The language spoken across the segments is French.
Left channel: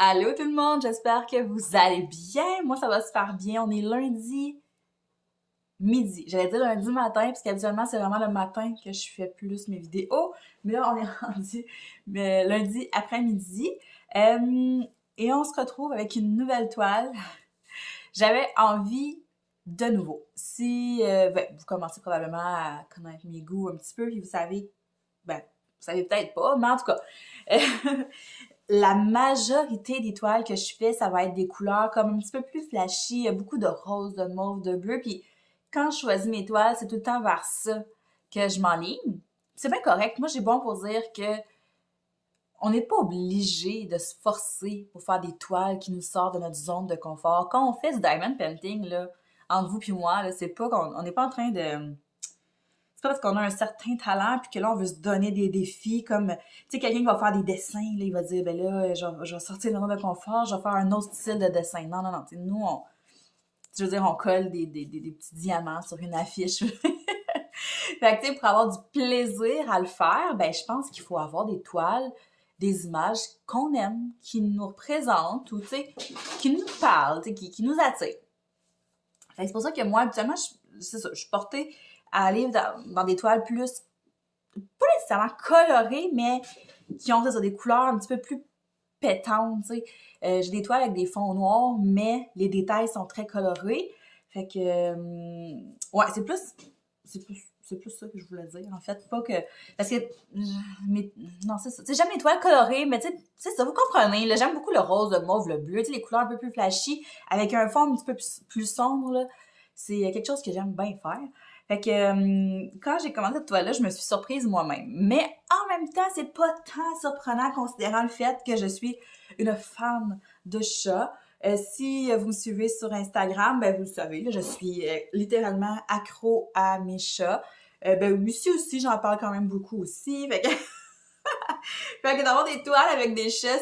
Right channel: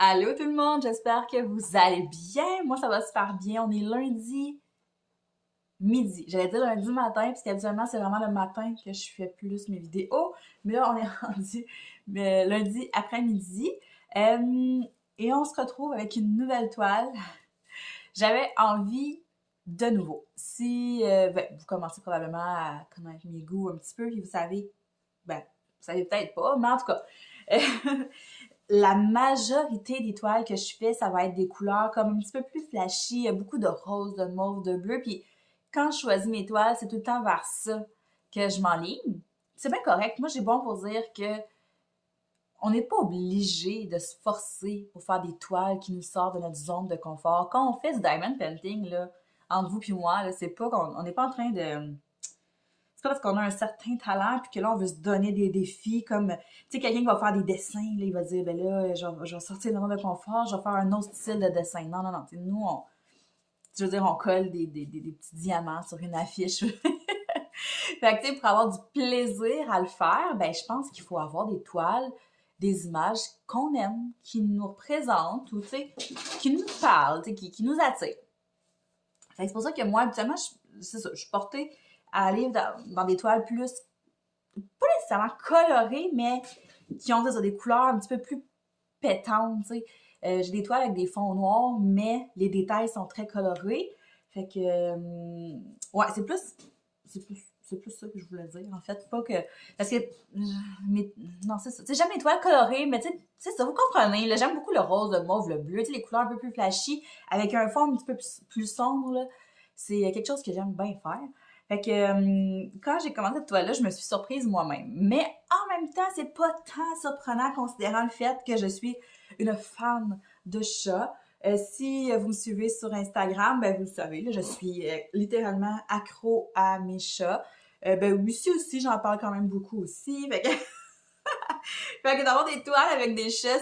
Allô tout le monde, j'espère que vous allez bien. Moi, ça va super bien. On est lundi midi. J'allais dire lundi matin, parce qu'habituellement, c'est vraiment le matin que je fais plus mes vidéos. Mais là, on est rendu lundi après-midi. Euh, et on se retrouve avec une nouvelle toile. J'avais envie de nouveau. Si vous commencez probablement à connaître mes goûts un petit peu, puis vous savez peut-être pas, mais en tout cas, la majorité des toiles que je fais, ça va être des couleurs comme un petit peu plus flashy. Il y a beaucoup de rose, de mauve, de bleu. Puis quand je choisis mes toiles, c'est tout le temps vers ça que je m'enligne. C'est bien correct. Moi, j'ai bon pour dire que on n'est pas obligé de se forcer pour faire des toiles qui nous sortent de notre zone de confort. Quand on fait du diamond painting, là, entre vous et moi, là, c'est pas qu'on on n'est pas en train de c'est pas parce qu'on a un certain talent puis que là on veut se donner des défis comme tu sais quelqu'un qui va faire des dessins là, il va dire ben là je vais sortir de mon zone de confort, je vais faire un autre style de dessin. Non non non, tu sais, nous on je veux dire on colle des petits diamants sur une affiche. Fait que tu sais pour avoir du plaisir à le faire, ben je pense qu'il faut avoir des toiles, des images qu'on aime, qui nous représentent ou tu sais qui nous parlent, tu sais qui nous attirent. Fait que c'est pour ça que moi habituellement c'est ça, je suis portée à aller dans des toiles plus pas nécessairement colorées, mais qui ont ça, des couleurs un petit peu plus pétantes, tu sais. J'ai des toiles avec des fonds noirs, mais les détails sont très colorés. Fait que, ouais, c'est plus ça que je voulais dire, en fait. Pas que, parce que, mais, non, c'est ça. Tu sais, j'aime les toiles colorées, mais tu sais, c'est ça, vous comprenez, là, j'aime beaucoup le rose, le mauve, le bleu, tu sais, les couleurs un peu plus flashy, avec un fond un petit peu plus sombre, là. C'est quelque chose que j'aime bien faire. Fait que quand j'ai commandé cette toile-là, je me suis surprise moi-même. Mais en même temps, c'est pas tant surprenant considérant le fait que je suis une fan de chats. Si vous me suivez sur Instagram, ben vous le savez, là, je suis littéralement accro à mes chats. Ben ici aussi, j'en parle quand même beaucoup aussi. Fait que d'avoir des toiles avec des chats,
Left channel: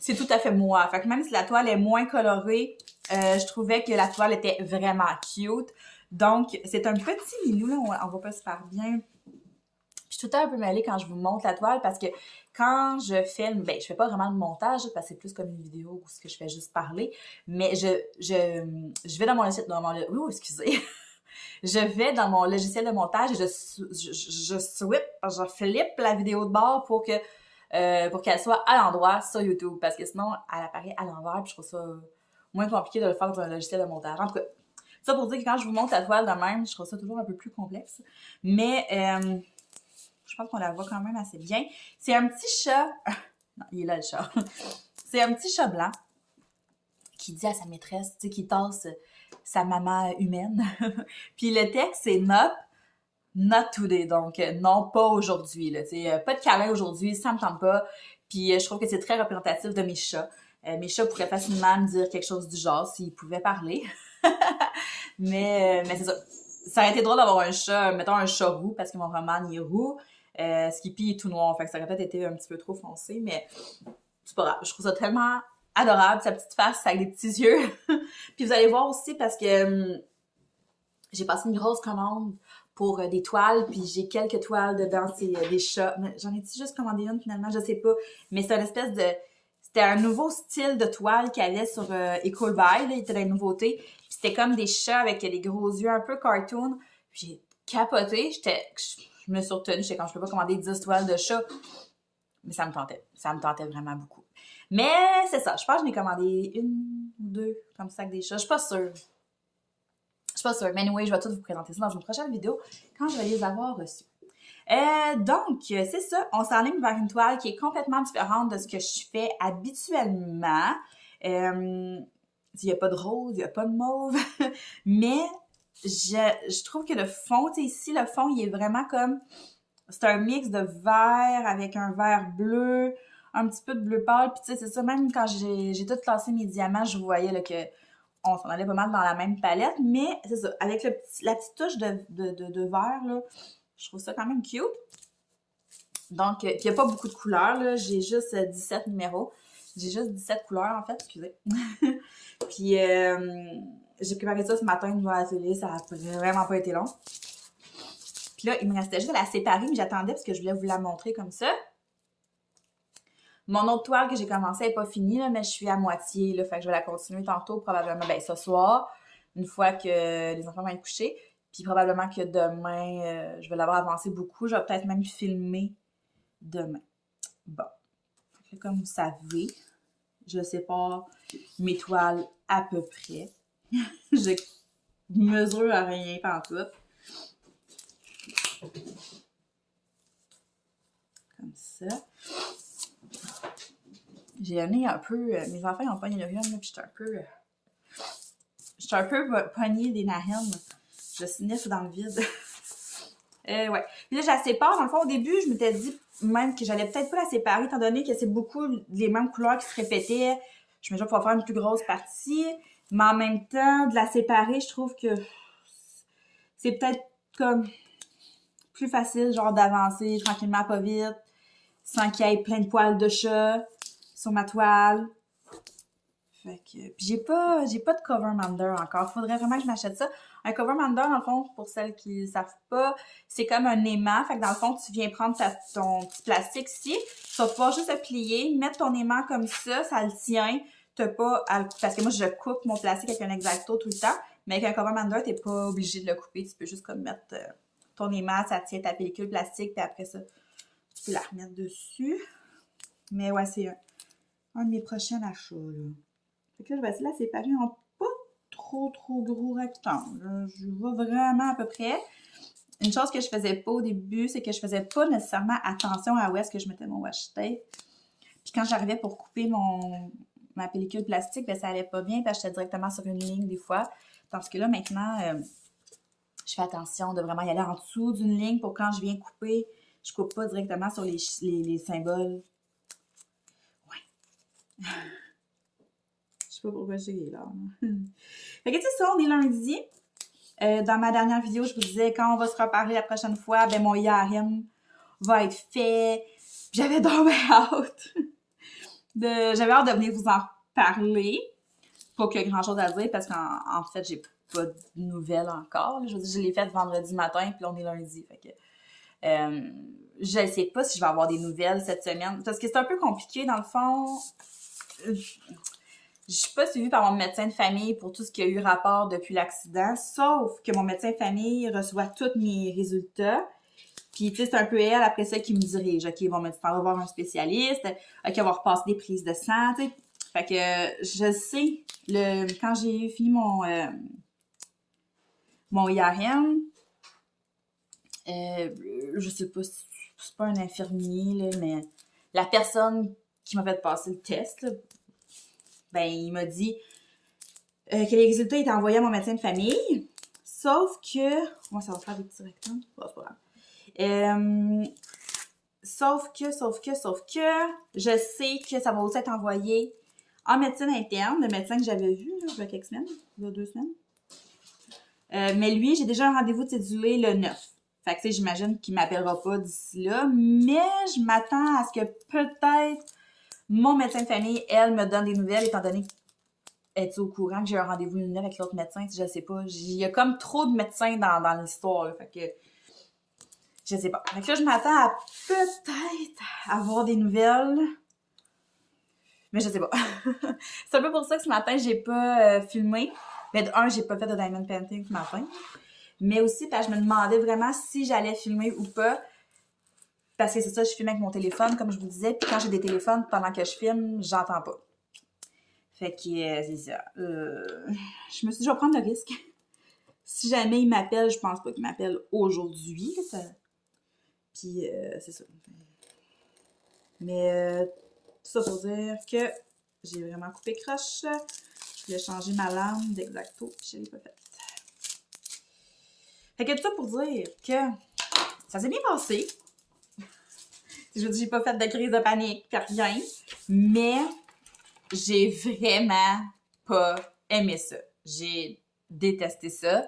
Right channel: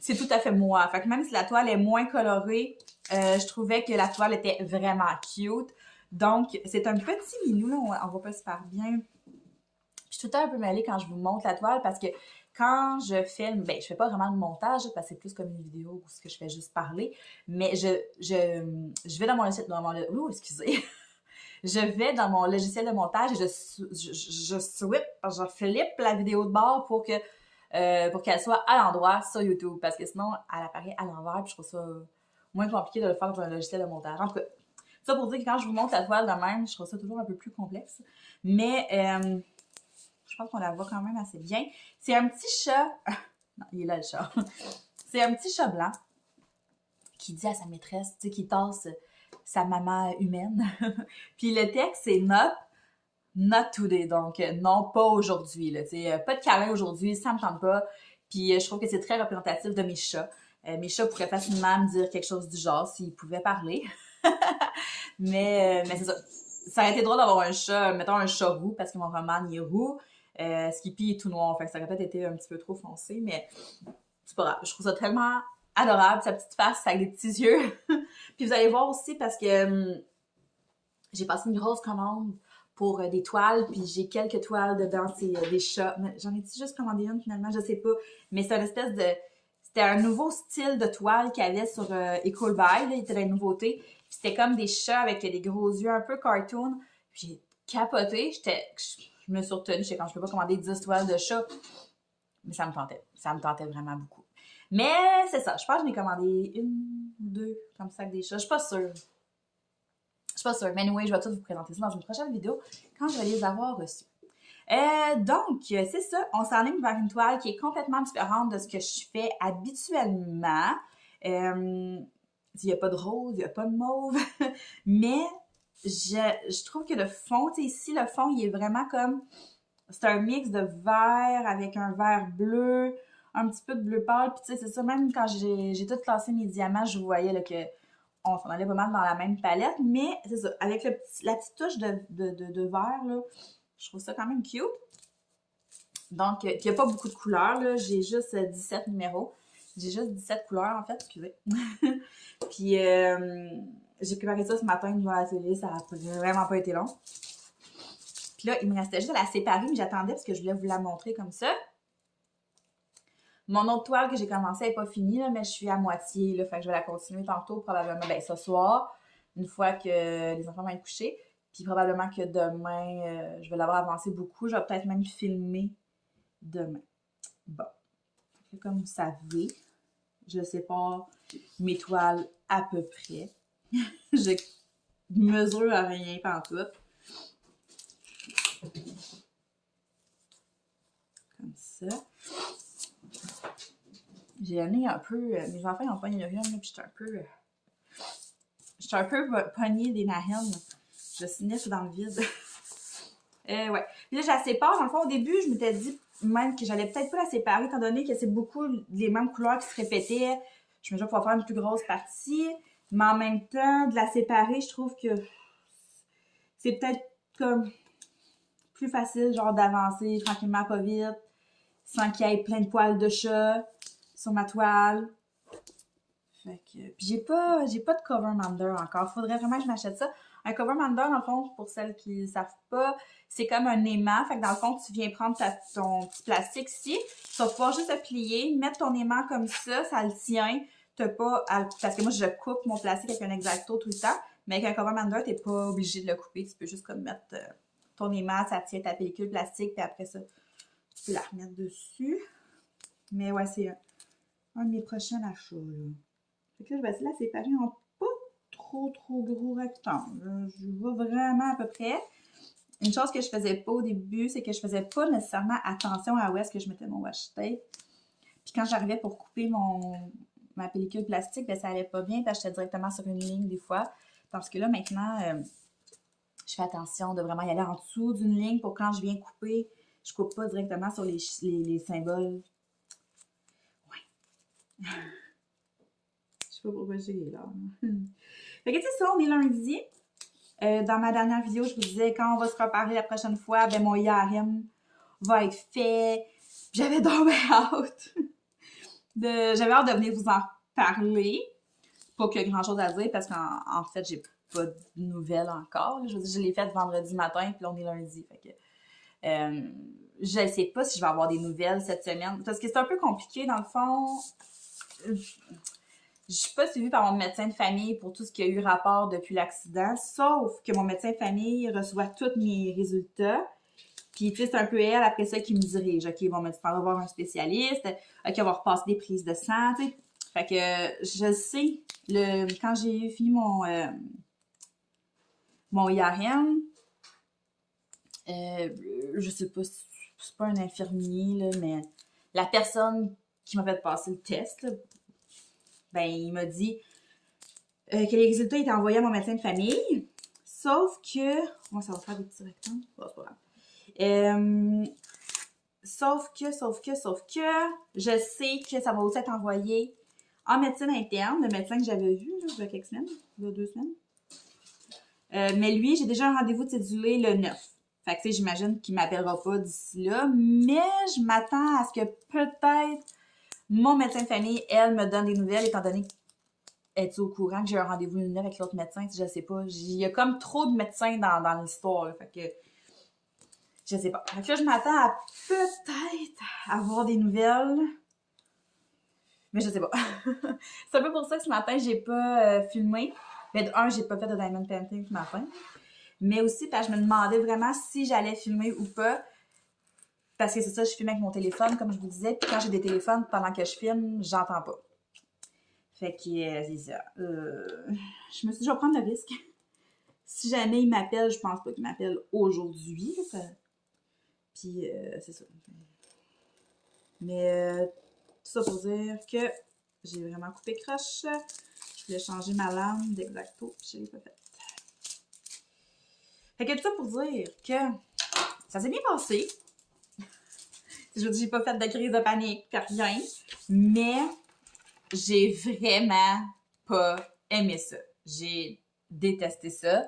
c'est tout à fait moi. Fait que même si la toile est moins colorée, je trouvais que la toile était vraiment cute. Donc, c'est un petit minou, là, on va pas se faire bien. Je suis tout le temps un peu mêlée quand je vous montre la toile parce que quand je filme, ben je fais pas vraiment de montage parce que c'est plus comme une vidéo où ce que je fais juste parler, mais je vais dans excusez. Je vais dans mon logiciel de montage et je flippe la vidéo de bord pour qu'elle soit à l'endroit sur YouTube parce que sinon elle apparaît à l'envers puis je trouve ça moins compliqué de le faire dans un logiciel de montage. En tout cas, ça pour dire que quand je vous montre la toile de même, je trouve ça toujours un peu plus complexe. Mais je pense qu'on la voit quand même assez bien. C'est un petit chat. Non, il est là le chat. C'est un petit chat blanc qui dit à sa maîtresse, tu sais, qui tasse sa maman humaine. Puis le texte, c'est not today. Donc, non, pas aujourd'hui. Là, pas de câlin aujourd'hui, ça me tente pas. Puis je trouve que c'est très représentatif de mes chats. Mes chats pourraient facilement me dire quelque chose du genre s'ils pouvaient parler. mais c'est ça. Ça aurait été drôle d'avoir un chat, mettons un chat roux, parce que mon roman il est roux. Skippy est tout noir, fait que ça aurait peut-être été un petit peu trop foncé, mais c'est pas grave. Je trouve ça tellement adorable, sa petite face avec des petits yeux. Puis vous allez voir aussi parce que j'ai passé une grosse commande pour des toiles, puis j'ai quelques toiles dedans, c'est des chats. Mais j'en ai-tu juste commandé une finalement, je sais pas. Mais c'est une espèce de... C'était un nouveau style de toile qu'il y avait sur Ecobuy, là, il était la nouveauté. Puis c'était comme des chats avec des gros yeux un peu cartoon. Puis j'ai capoté, je me suis retenue, j'étais quand je peux pas commander 10 toiles de chats. Mais ça me tentait vraiment beaucoup. Mais c'est ça, je pense que je m'ai commandé une ou deux comme ça avec des chats, je suis pas sûre. Je suis pas sûre, mais anyway, je vais tout vous présenter ça dans une prochaine vidéo quand je vais les avoir reçus. Donc, c'est ça, on s'enligne vers une toile qui est complètement différente de ce que je fais habituellement. Il n'y a pas de rose, il n'y a pas de mauve, mais je trouve que le fond, tu sais, ici, le fond, il est vraiment comme... C'est un mix de vert avec un vert bleu, un petit peu de bleu pâle. Puis tu sais, c'est ça, même quand j'ai tout classé mes diamants, je voyais là, que on s'en allait pas mal dans la même palette. Mais c'est ça, avec la petite touche de vert, là, je trouve ça quand même cute. Donc, puis il n'y a pas beaucoup de couleurs, là. J'ai juste 17 numéros. J'ai juste 17 couleurs, en fait, excusez. Puis, j'ai préparé ça ce matin devant la télé, ça a vraiment pas été long. Puis là, il me restait juste à la séparer, mais j'attendais parce que je voulais vous la montrer comme ça. Mon autre toile que j'ai commencé n'est pas finie, là, mais je suis à moitié, là, fait que je vais la continuer tantôt, probablement, ben ce soir, une fois que les enfants vont être couchés. Puis probablement que demain, je vais l'avoir avancé beaucoup. Je vais peut-être même filmer demain. Bon. Comme vous savez, je sépare mes toiles à peu près. Je mesure à rien pantoute. Comme ça. J'ai amené un peu... mes enfants ont pogné le rhume, puis j'étais un peu pognée des narines. Je sniffe dans le vide. Ouais. Puis là, je la sépare. Dans le fond, au début, je m'étais dit même que j'allais peut-être pas la séparer, étant donné que c'est beaucoup les mêmes couleurs qui se répétaient. Je me disais pouvoir faire une plus grosse partie. Mais en même temps, de la séparer, je trouve que c'est peut-être comme plus facile, genre d'avancer tranquillement, pas vite, sans qu'il y ait plein de poils de chat sur ma toile. Fait que, puis j'ai pas de cover mander encore. Faudrait vraiment que je m'achète ça. Un cover mander, dans le fond, pour celles qui ne savent pas, c'est comme un aimant. Fait que dans le fond, tu viens prendre ton petit plastique ici. Tu vas pouvoir juste le plier, mettre ton aimant comme ça le tient. T'as pas à... Parce que moi, je coupe mon plastique avec un X-Acto tout le temps. Mais avec un cover mander, t'es pas obligé de le couper. Tu peux juste comme mettre ton aimant, ça tient ta pellicule plastique, puis après ça, tu peux la remettre dessus. Mais ouais, c'est un de mes prochains achats, là. Fait que là, je vais essayer de la séparer en pas trop gros rectangles. Je vois vraiment à peu près. Une chose que je faisais pas au début, c'est que je faisais pas nécessairement attention à où est-ce que je mettais mon washi tape. Puis quand j'arrivais pour couper ma pellicule plastique, ben ça allait pas bien, parce que j'étais directement sur une ligne des fois. Tandis que là, maintenant, je fais attention de vraiment y aller en dessous d'une ligne pour quand je viens couper, je coupe pas directement sur les symboles. Ouais. Je sais pas pourquoi j'ai là. Fait que c'est ça, on est lundi. Dans ma dernière vidéo, je vous disais, quand on va se reparler la prochaine fois, ben mon IRM va être fait. J'avais donc hâte. J'avais hâte de venir vous en parler. Pas qu'il y ait grand chose à dire, parce qu'en fait, j'ai pas de nouvelles encore. Je veux dire, je l'ai faite vendredi matin, puis là, on est lundi. Fait que je sais pas si je vais avoir des nouvelles cette semaine. Parce que c'est un peu compliqué, dans le fond. Je suis pas suivie par mon médecin de famille pour tout ce qui a eu rapport depuis l'accident, sauf que mon médecin de famille reçoit tous mes résultats. Puis, tu sais, c'est un peu elle, après ça, qui me dirige. OK, bon, mais tu t'en vas voir un spécialiste. OK, on va repasser des prises de sang, tu sais. Fait que je sais, quand j'ai fini mon IRM, je sais pas si c'est pas un infirmier, là, mais la personne qui m'a fait passer le test, là, ben, il m'a dit que les résultats étaient envoyés à mon médecin de famille, sauf que... Moi, ça va faire des petits rectangles. Bon, c'est pas grave. Sauf que, je sais que ça va aussi être envoyé en médecine interne, le médecin que j'avais vu, là, il y a quelques semaines, il y a 2 semaines. Mais lui, j'ai déjà un rendez-vous de cédulé le 9. Fait que, tu sais, j'imagine qu'il m'appellera pas d'ici là, mais je m'attends à ce que peut-être mon médecin de famille, elle, me donne des nouvelles, étant donné es-tu au courant que j'ai un rendez-vous le 9 avec l'autre médecin? Je sais pas. Il y a comme trop de médecins dans l'histoire, là. Fait que je sais pas. Fait que là, je m'attends à peut-être avoir des nouvelles. Mais je sais pas. C'est un peu pour ça que ce matin, j'ai pas filmé. Mais de un, j'ai pas fait de diamond painting ce matin. Mais aussi, parce que je me demandais vraiment si j'allais filmer ou pas. Parce que c'est ça, je filme avec mon téléphone, comme je vous disais. Puis quand j'ai des téléphones, pendant que je filme, j'entends pas. Fait que c'est ça. Je me suis dit, je vais prendre le risque. Si jamais il m'appelle, je pense pas qu'il m'appelle aujourd'hui. Puis c'est ça. Mais tout ça pour dire que j'ai vraiment coupé croche. Je voulais changer ma lame d'X-Acto, puis je l'ai pas faite. Fait que tout ça pour dire que ça s'est bien passé. Je vous dis, j'ai pas fait de crise de panique, rien. Mais j'ai vraiment pas aimé ça. J'ai détesté ça.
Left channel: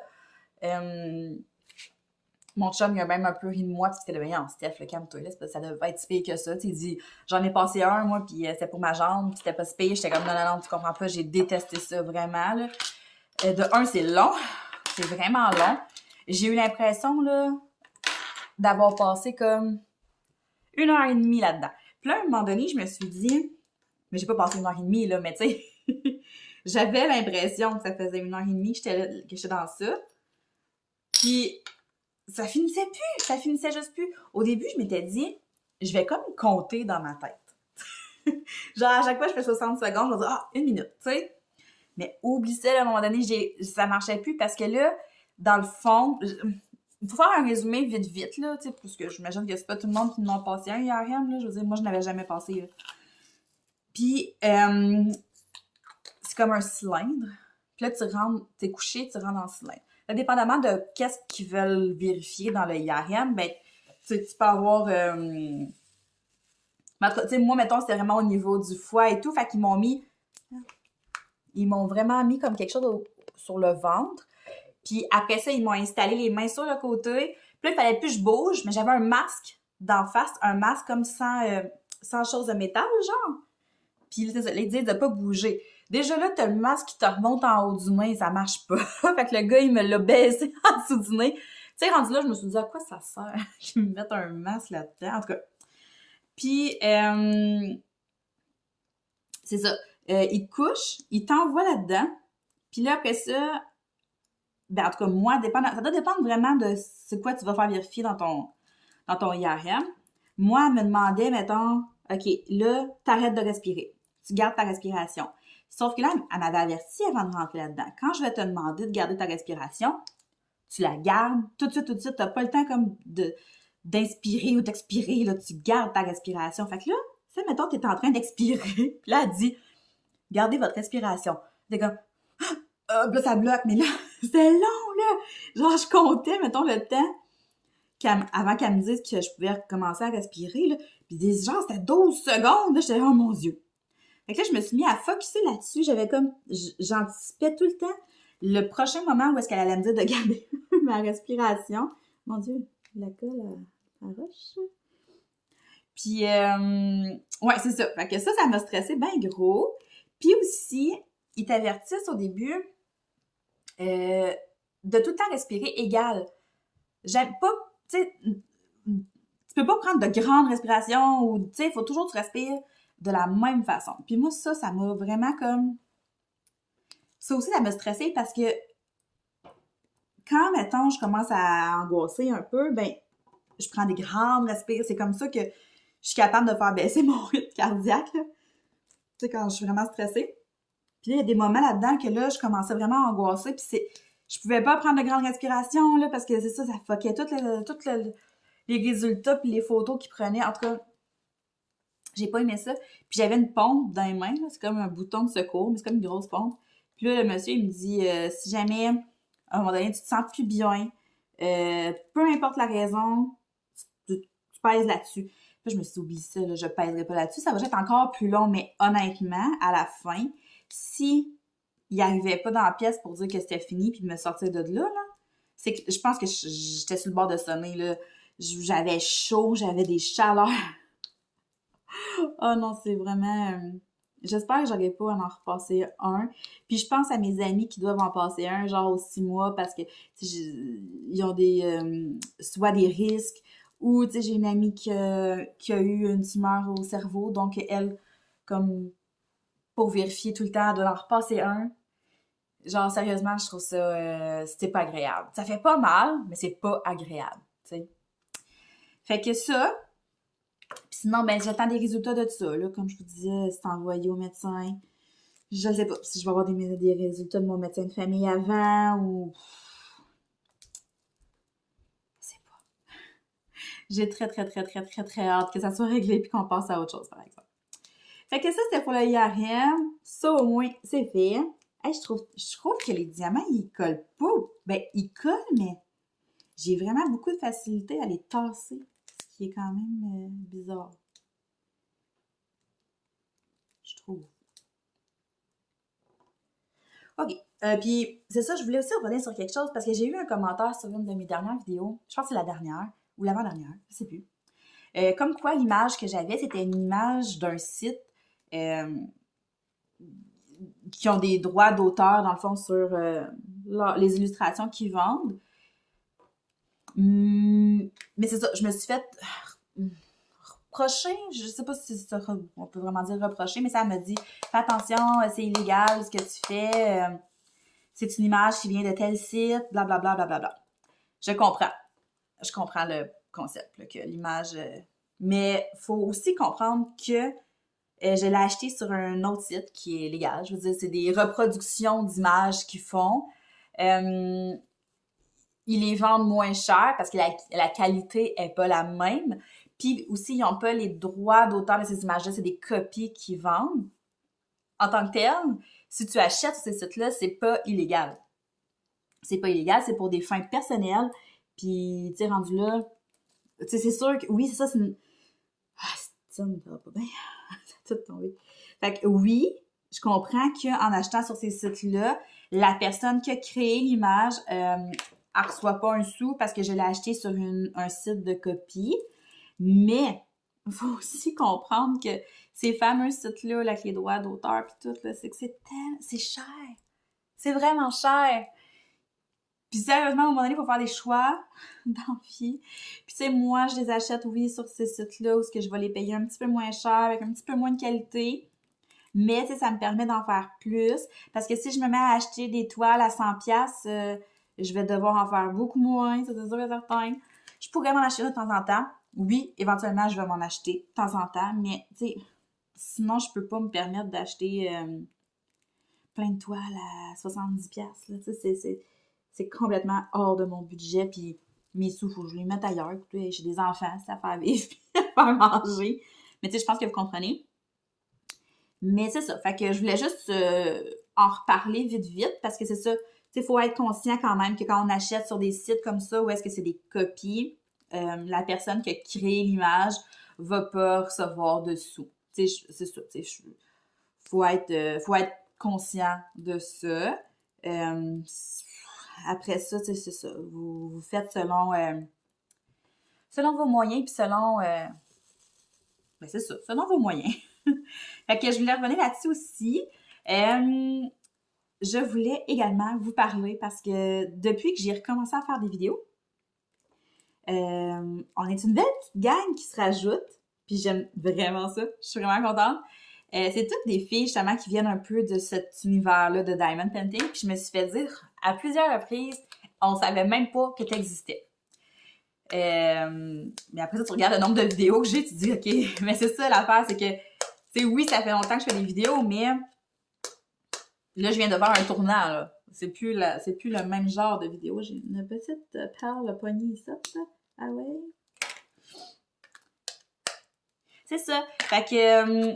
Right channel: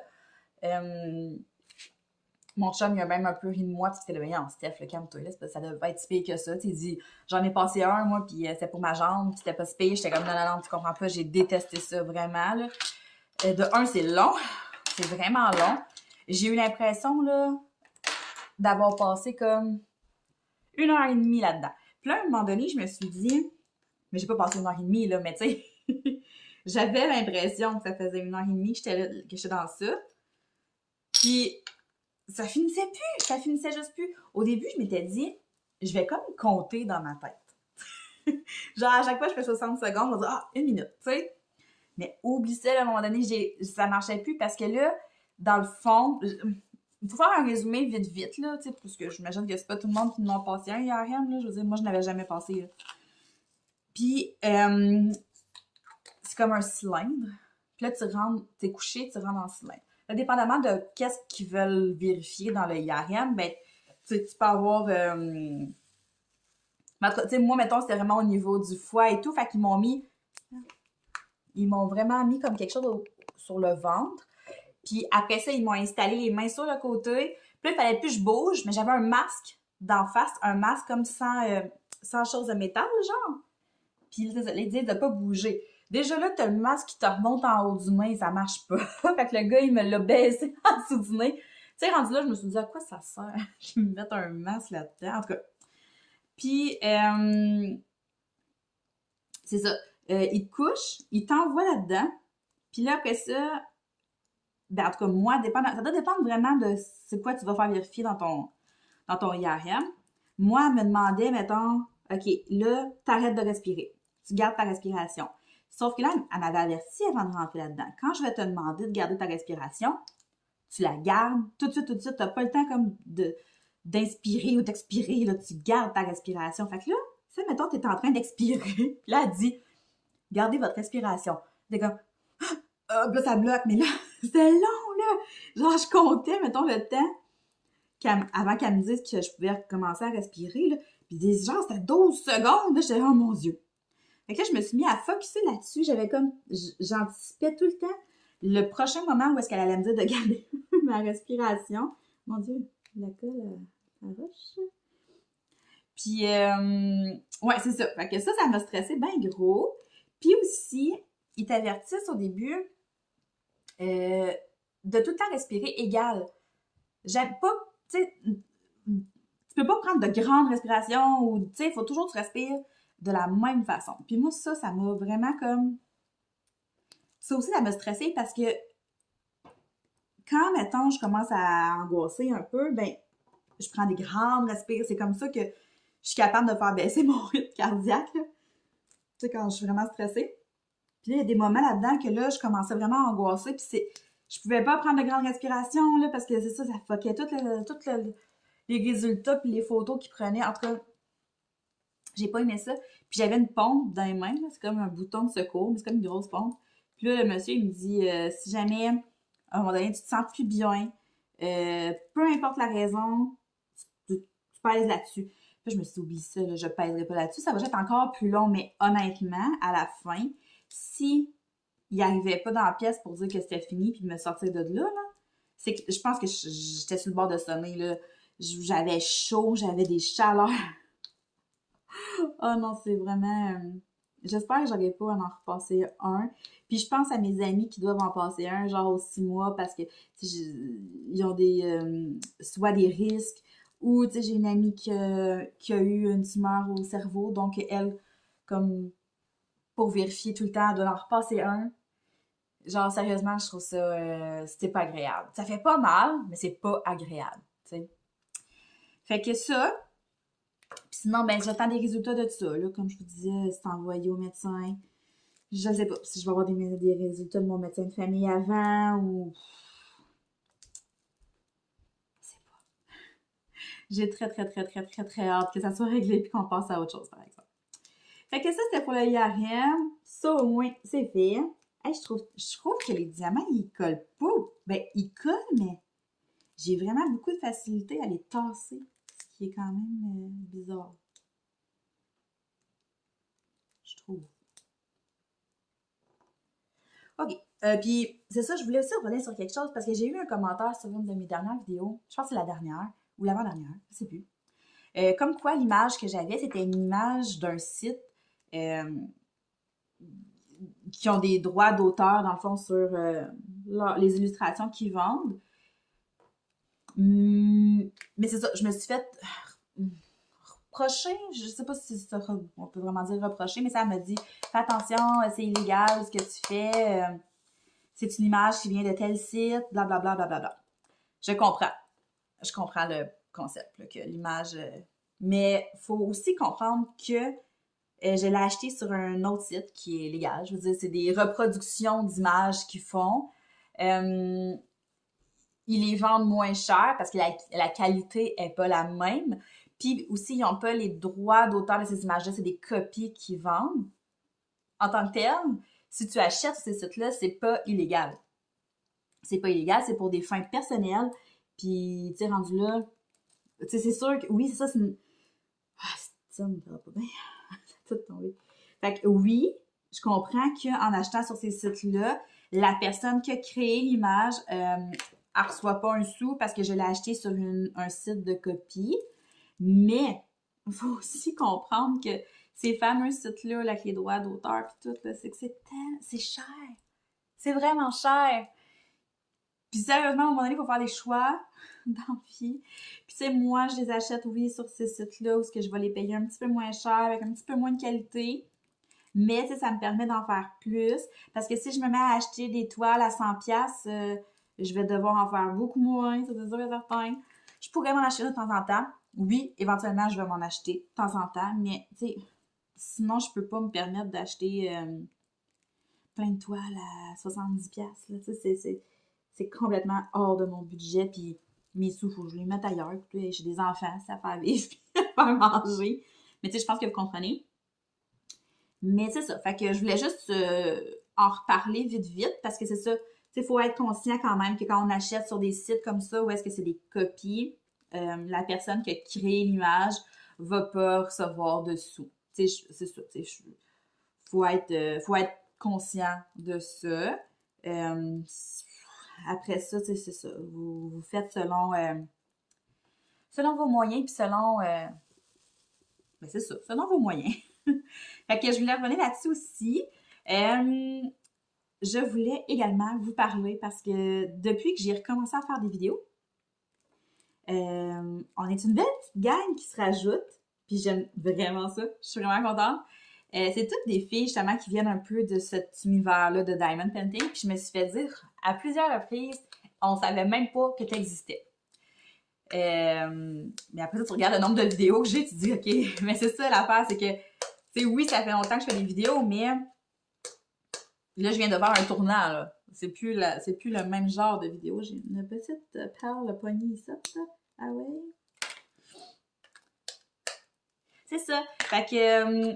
Mon chum, il a même un peu ri de moi, parce que c'était le meilleur en Steph, le calme-toi là, ça devait être si pire que ça. Il dit, j'en ai passé un, moi, puis c'était pour ma jambe, puis c'était pas si pire. J'étais comme, non, tu comprends pas, j'ai détesté ça vraiment, là. De un, c'est long, c'est vraiment long. J'ai eu l'impression, là, d'avoir passé comme 1 heure et demie là-dedans. Puis là, à un moment donné, je me suis dit, mais j'ai pas passé 1 heure et demie, là, mais tu sais, j'avais l'impression que ça faisait 1 heure et demie que j'étais dans ça. Puis ça finissait plus, ça finissait juste plus. Au début, je m'étais dit, je vais comme compter dans ma tête. Genre, à chaque fois, je fais 60 secondes, je vais dire, ah, 1 minute, tu sais. Mais oublie ça, là, à un moment donné, ça marchait plus parce que là, dans le fond, il faut faire un résumé vite, là, tu sais, parce que j'imagine que c'est pas tout le monde qui n'en a passé un IRM, là. Je veux dire, moi, je n'avais jamais passé, là. Puis, c'est comme un cylindre. Puis là, tu rentres, t'es couché, tu rentres dans le cylindre. Là, dépendamment de qu'est-ce qu'ils veulent vérifier dans le IRM, ben, tu peux avoir... tu sais, moi, mettons, c'était vraiment au niveau du foie et tout, fait qu'ils m'ont mis... Ils m'ont vraiment mis comme quelque chose sur le ventre. Puis après ça, ils m'ont installé les mains sur le côté. Puis là, il fallait plus que je bouge, mais j'avais un masque d'en face, un masque comme sans chose de métal, genre. Puis là, ils disent de pas bouger. Déjà là, t'as le masque qui te remonte en haut du nez, ça marche pas. Fait que le gars, il me l'a baissé en dessous du nez. Tu sais, rendu là, je me suis dit, à quoi ça sert? Je vais me mettre un masque là-dedans. En tout cas. Puis, c'est ça. Il te couche, il t'envoie là-dedans. Puis là, après ça, ben, en tout cas, moi, ça doit dépendre vraiment de c'est quoi tu vas faire vérifier dans ton IRM. Moi, elle me demandait, mettons, OK, là, t'arrêtes de respirer. Tu gardes ta respiration. Sauf que là, elle m'avait averti avant de rentrer là-dedans. Quand je vais te demander de garder ta respiration, tu la gardes tout de suite. T'as pas le temps comme d'inspirer ou d'expirer, là. Tu gardes ta respiration. Fait que là, tu sais, mettons, t'es en train d'expirer. Puis là, elle dit, gardez votre respiration. T'es comme, là, ça bloque. Mais là, c'était long, là. Genre, je comptais, mettons, le temps avant qu'elle me dise que je pouvais commencer à respirer, là. Puis genre, c'était 12 secondes, là. J'étais là, oh mon Dieu. Fait que là, je me suis mis à focusser là-dessus. J'avais comme, j'anticipais tout le temps le prochain moment où est-ce qu'elle allait me dire de garder ma respiration. Mon Dieu, la colle à roche. Puis, ouais, c'est ça. Fait que ça m'a stressé bien gros. Puis aussi, ils t'avertissent au début de tout le temps respirer égal. J'aime pas, tu sais, tu peux pas prendre de grandes respirations ou, tu sais, il faut toujours que tu respires de la même façon. Puis moi, ça m'a vraiment comme... Ça aussi, ça m'a stressé parce que quand, mettons, je commence à angoisser un peu, ben, je prends des grandes respirations. C'est comme ça que je suis capable de faire baisser mon rythme cardiaque, là. Tu sais, quand je suis vraiment stressée. Puis là, il y a des moments là-dedans que là, je commençais vraiment à angoisser. Puis je pouvais pas prendre de grandes respirations, là, parce que c'est ça fuckait tous les résultats puis les photos qu'ils prenaient. En tout cas, j'ai pas aimé ça. Puis j'avais une pompe dans les mains, là. C'est comme un bouton de secours, mais c'est comme une grosse pompe. Puis là, le monsieur, il me dit, si jamais, à un moment donné, tu te sens plus bien, peu importe la raison, tu pèses là-dessus. Puis je me suis dit, oublie ça, là, je pèserai pas là-dessus. Ça va être encore plus long, mais honnêtement, à la fin, si il arrivait pas dans la pièce pour dire que c'était fini puis de me sortir de là, c'est que je pense que j'étais sur le bord de sommeil, là. J'avais chaud, j'avais des chaleurs. Oh non, c'est vraiment... j'espère que j'aurai pas à en repasser un. Puis je pense à mes amis qui doivent en passer un, genre aux 6 mois, parce que ils ont soit des risques, ou j'ai une amie qui a eu une tumeur au cerveau, donc elle, comme pour vérifier tout le temps, de leur repasser un. Genre, sérieusement, je trouve ça, c'était pas agréable. Ça fait pas mal, mais c'est pas agréable, tu sais. Fait que ça, puis sinon, ben, j'attends des résultats de ça, là. Comme je vous disais, c'est envoyé au médecin. Je ne sais pas si je vais avoir des résultats de mon médecin de famille avant ou... Je sais pas. J'ai très hâte que ça soit réglé puis qu'on passe à autre chose, par exemple. Fait que ça, c'était pour le IRM. Ça, au moins, c'est fait. Hey, je trouve que les diamants, ils collent pas. Ben, ils collent, mais j'ai vraiment beaucoup de facilité à les tasser. Ce qui est quand même bizarre. Je trouve. OK. Puis, c'est ça, je voulais aussi revenir sur quelque chose parce que j'ai eu un commentaire sur une de mes dernières vidéos. Je pense que c'est la dernière ou l'avant-dernière, je sais plus. Comme quoi, l'image que j'avais, c'était une image d'un site qui ont des droits d'auteur, dans le fond, sur les illustrations qu'ils vendent. Mais c'est ça, je me suis fait reproché, je sais pas si ça, on peut vraiment dire reprocher, mais ça m'a dit, fais attention, c'est illégal ce que tu fais, c'est une image qui vient de tel site, blablabla, blablabla. Je comprends le concept, là, que l'image, mais il faut aussi comprendre que je l'ai acheté sur un autre site qui est légal. Je veux dire, c'est des reproductions d'images qu'ils font. Ils les vendent moins cher parce que la qualité n'est pas la même. Puis aussi, ils n'ont pas les droits d'auteur de ces images-là. C'est des copies qu'ils vendent. En tant que tel, si tu achètes ces sites-là, c'est pas illégal. C'est pas illégal, c'est pour des fins personnelles. Puis, tu sais, rendu là, tu sais, c'est sûr que, oui, c'est ça, c'est une... Ah, ça me va pas bien. Ça a tout tombé. Fait que oui, je comprends qu'en achetant sur ces sites-là, la personne qui a créé l'image, elle reçoit pas un sou parce que je l'ai acheté sur un site de copie. Mais, il faut aussi comprendre que ces fameux sites-là, là, avec les droits d'auteur puis tout, là, c'est que c'est cher. C'est vraiment cher. Puis sérieusement, à un moment donné, il faut faire des choix dans la vie. Puis tu sais, moi, je les achète, oui, sur ces sites-là où je vais les payer un petit peu moins cher, avec un petit peu moins de qualité. Mais tu sais, ça me permet d'en faire plus. Parce que si je me mets à acheter des toiles à 100$, je vais devoir en faire beaucoup moins, ça c'est sûr et certain. Je pourrais m'en acheter de temps en temps. Oui, éventuellement, je vais m'en acheter de temps en temps. Mais tu sais, sinon, je peux pas me permettre d'acheter plein de toiles à 70$. Là. Tu sais, c'est complètement hors de mon budget. Puis mes sous, faut que je les mette ailleurs. Puis, j'ai des enfants, c'est à faire vivre, à faire manger. Mais tu sais, je pense que vous comprenez. Mais c'est ça. Fait que je voulais juste en reparler vite parce que c'est ça. Tu sais, il faut être conscient quand même que quand on achète sur des sites comme ça, où est-ce que c'est des copies, la personne qui a créé l'image va pas recevoir de sous. Tu sais, c'est ça. Tu sais, faut être conscient de ça. Après ça, c'est ça. Vous faites selon vos moyens, puis selon... ben c'est ça, selon vos moyens. Fait que je voulais revenir là-dessus aussi. Je voulais également vous parler parce que depuis que j'ai recommencé à faire des vidéos, on est une belle petite gang qui se rajoute. Puis j'aime vraiment ça. Je suis vraiment contente. C'est toutes des filles, justement, qui viennent un peu de cet univers-là de Diamond Painting. Puis je me suis fait dire à plusieurs reprises, on savait même pas que tu existais. Mais après ça, tu regardes le nombre de vidéos que j'ai, tu te dis, OK, mais c'est ça l'affaire, c'est que, tu sais, oui, ça fait longtemps que je fais des vidéos, mais là, je viens de faire un tournant, là. C'est plus le même genre de vidéo. J'ai une petite perle poignée ici, ça. Ah ouais? C'est ça. Fait que,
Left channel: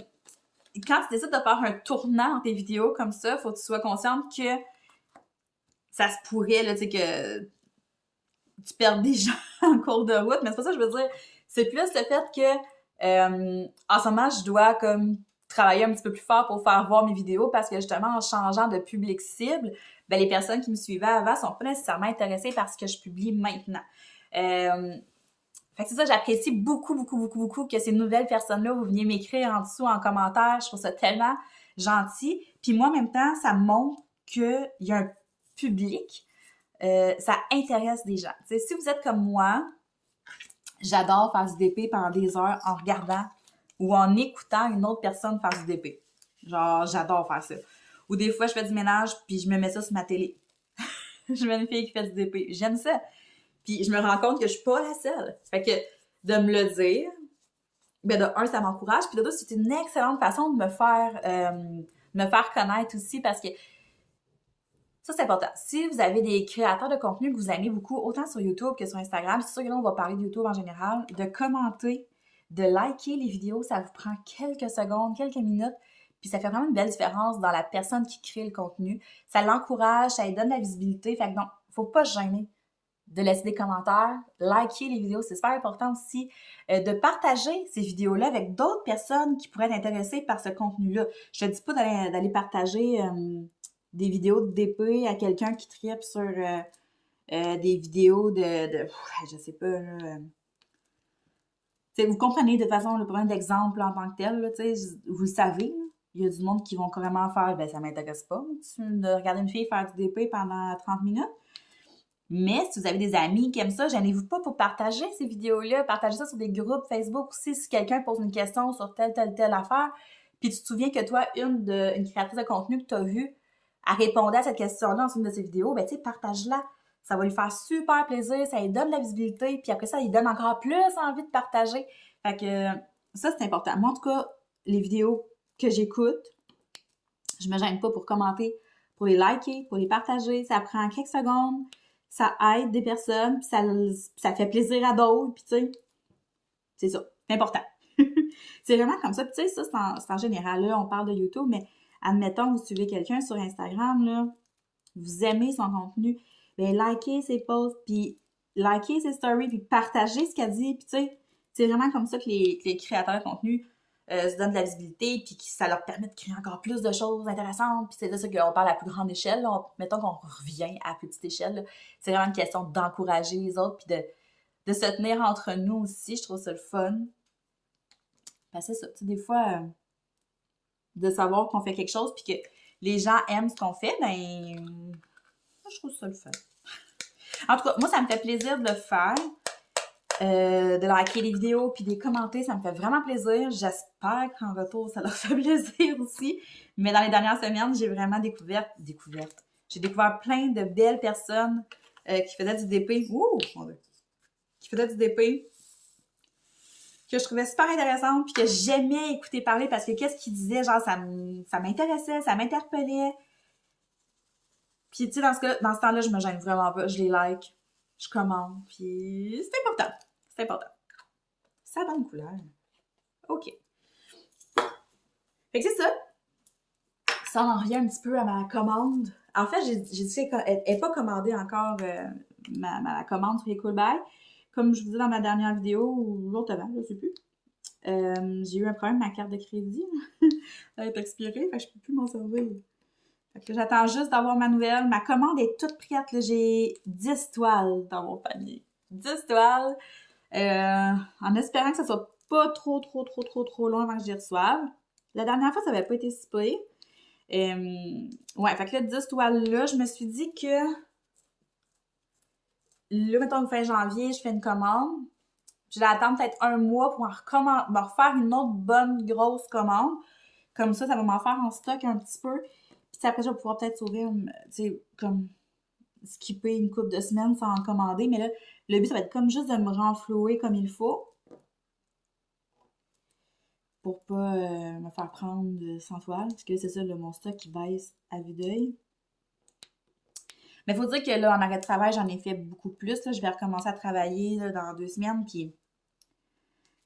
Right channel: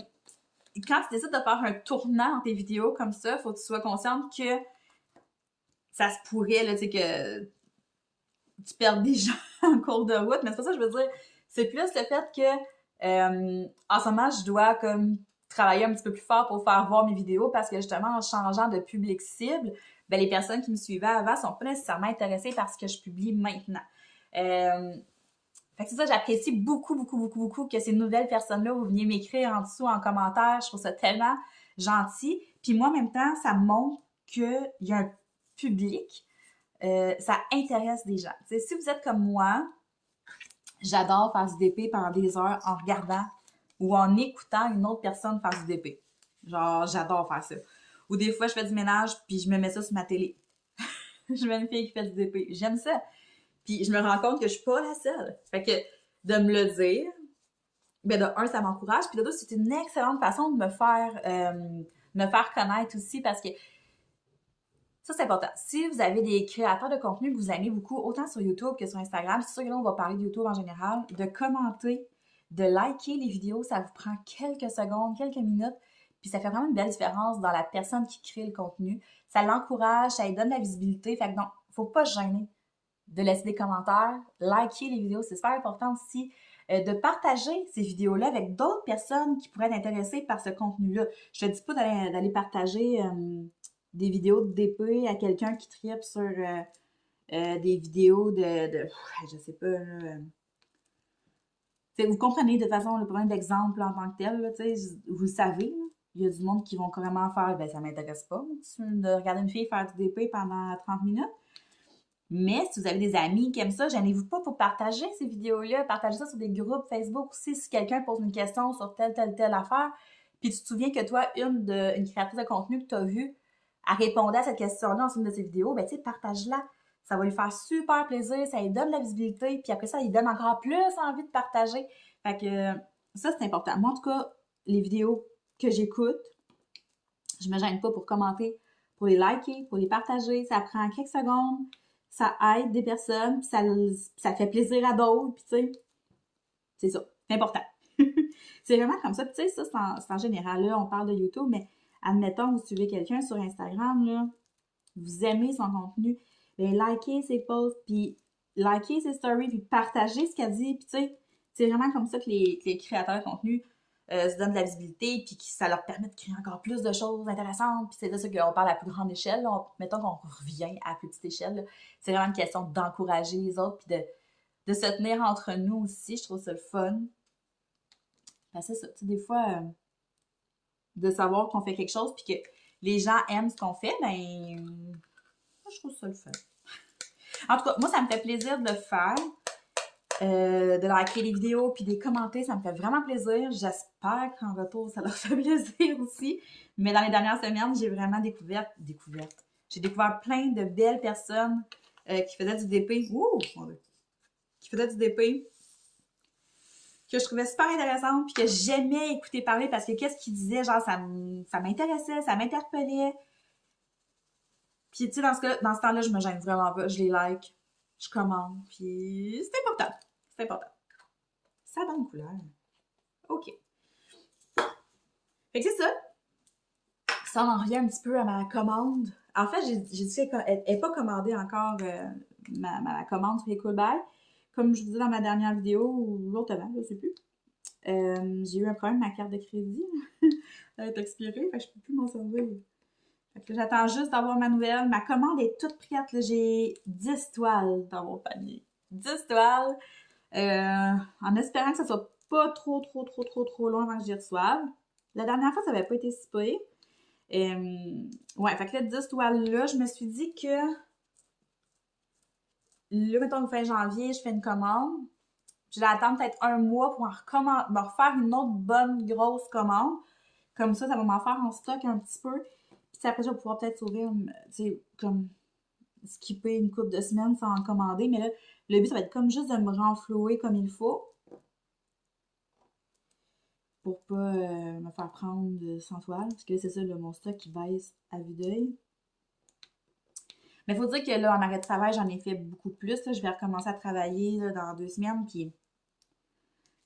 quand tu décides de faire un tournant dans tes vidéos comme ça, faut que tu sois consciente que ça se pourrait, là, tu sais, que tu perds des gens en cours de route. Mais c'est pas ça que je veux dire. C'est plus le fait que, en ce moment, je dois comme travailler un petit peu plus fort pour faire voir mes vidéos parce que justement, en changeant de public cible, ben, les personnes qui me suivaient avant sont pas nécessairement intéressées par ce que je publie maintenant. Fait que c'est ça, j'apprécie beaucoup, beaucoup, beaucoup, beaucoup que ces nouvelles personnes-là, vous veniez m'écrire en dessous en commentaire. Je trouve ça tellement gentil. Puis moi, en même temps, ça montre qu'il y a un public. Ça intéresse des gens. T'sais, si vous êtes comme moi, j'adore faire du DP pendant des heures en regardant ou en écoutant une autre personne faire du DP. Genre, j'adore faire ça. Ou des fois, je fais du ménage puis je me mets ça sur ma télé. Je mets une fille qui fait du DP. J'aime ça. Puis je me rends compte que je suis pas la seule. Fait que de me le dire, ben de un, ça m'encourage. Puis de deux, c'est une excellente façon de me faire connaître aussi parce que ça, c'est important. Si vous avez des créateurs de contenu que vous aimez beaucoup, autant sur YouTube que sur Instagram, c'est sûr que là, on va parler de YouTube en général, de commenter, de liker les vidéos, ça vous prend quelques secondes, quelques minutes, puis ça fait vraiment une belle différence dans la personne qui crée le contenu. Ça l'encourage, ça lui donne de la visibilité, fait que non, faut pas se gêner de laisser des commentaires, liker les vidéos, c'est super important aussi, de partager ces vidéos-là avec d'autres personnes qui pourraient être intéressées par ce contenu-là. Je te dis pas d'aller partager des vidéos de DP à quelqu'un qui tripe sur des vidéos je sais pas, là. Vous comprenez de toute façon le problème d'exemple en tant que tel, là, vous le savez, là. Il y a du monde qui vont carrément faire, ben ça m'intéresse pas, de regarder une fille faire du DP pendant 30 minutes. Mais si vous avez des amis qui aiment ça, gênez-vous pas pour partager ces vidéos-là. Partagez ça sur des groupes Facebook aussi si quelqu'un pose une question sur telle affaire. Puis tu te souviens que toi, une créatrice de contenu que tu as vue, elle répondait à cette question-là en une de ses vidéos, ben tu sais, partage-la. Ça va lui faire super plaisir, ça lui donne de la visibilité, puis après ça, il donne encore plus envie de partager. Fait que ça, c'est important. Moi, en tout cas, les vidéos que j'écoute, je me gêne pas pour commenter, pour les liker, pour les partager. Ça prend quelques secondes, ça aide des personnes, puis ça fait plaisir à d'autres, puis tu sais, c'est ça, c'est important. C'est vraiment comme ça. Puis tu sais, ça, c'est en général. Là, on parle de YouTube, mais admettons, vous suivez quelqu'un sur Instagram, là, vous aimez son contenu, bien, likez ses posts, puis likez ses stories, puis partagez ce qu'elle dit, puis tu sais, c'est vraiment comme ça que les créateurs de contenu se donnent de la visibilité, puis que ça leur permet de créer encore plus de choses intéressantes, puis c'est de ça qu'on parle à plus grande échelle, là. Mettons qu'on revient à petite échelle, là. C'est vraiment une question d'encourager les autres, puis de se tenir entre nous aussi, je trouve ça le fun. Ben, c'est ça, tu sais, des fois, de savoir qu'on fait quelque chose, puis que les gens aiment ce qu'on fait, ben, moi, je trouve ça le fun. En tout cas, moi, ça me fait plaisir de le faire, de liker les vidéos, puis de les commenter, ça me fait vraiment plaisir. J'espère qu'en retour, ça leur fait plaisir aussi. Mais dans les dernières semaines, j'ai vraiment j'ai découvert plein de belles personnes qui faisaient du DP. Qui faisaient du DP. Que je trouvais super intéressante, puis que j'aimais écouter parler parce que qu'est-ce qu'ils disaient, genre, ça m'intéressait, ça m'interpellait. Puis, tu sais, dans ce temps-là, je me gêne vraiment pas. Je les like, je commande, puis c'est important. C'est important. Ça a bonne couleur. OK. Fait que c'est ça. Ça en revient un petit peu à ma commande. En fait, j'ai dit qu'elle n'est pas commandée encore, ma commande sur les Cool Buy. Comme je vous disais dans ma dernière vidéo, ou l'autre avant, je ne sais plus. J'ai eu un problème avec ma carte de crédit. Elle est expirée, fait que je peux plus m'en servir. Fait que j'attends juste d'avoir ma nouvelle. Ma commande est toute prête. J'ai 10 toiles dans mon panier. 10 toiles. En espérant que ça soit pas trop loin avant que j'y reçoive. La dernière fois, ça n'avait pas été si pire. Ouais, fait que là, 10 toiles-là, je me suis dit que là, mettons, fin janvier, je fais une commande. Je vais attendre peut-être un mois pour me refaire une autre bonne grosse commande. Comme ça va m'en faire en stock un petit peu. Puis après, je vais pouvoir peut-être sauver, tu sais, comme skipper une couple de semaines sans en commander. Mais là, le but, ça va être comme juste de me renflouer comme il faut. Pour pas me faire prendre 100 toiles. Parce que c'est ça, là, mon stock qui baisse à vue d'œil. Mais il faut dire que là, en arrêt de travail, j'en ai fait beaucoup plus. Là. Je vais recommencer à travailler là, dans 2 semaines. Puis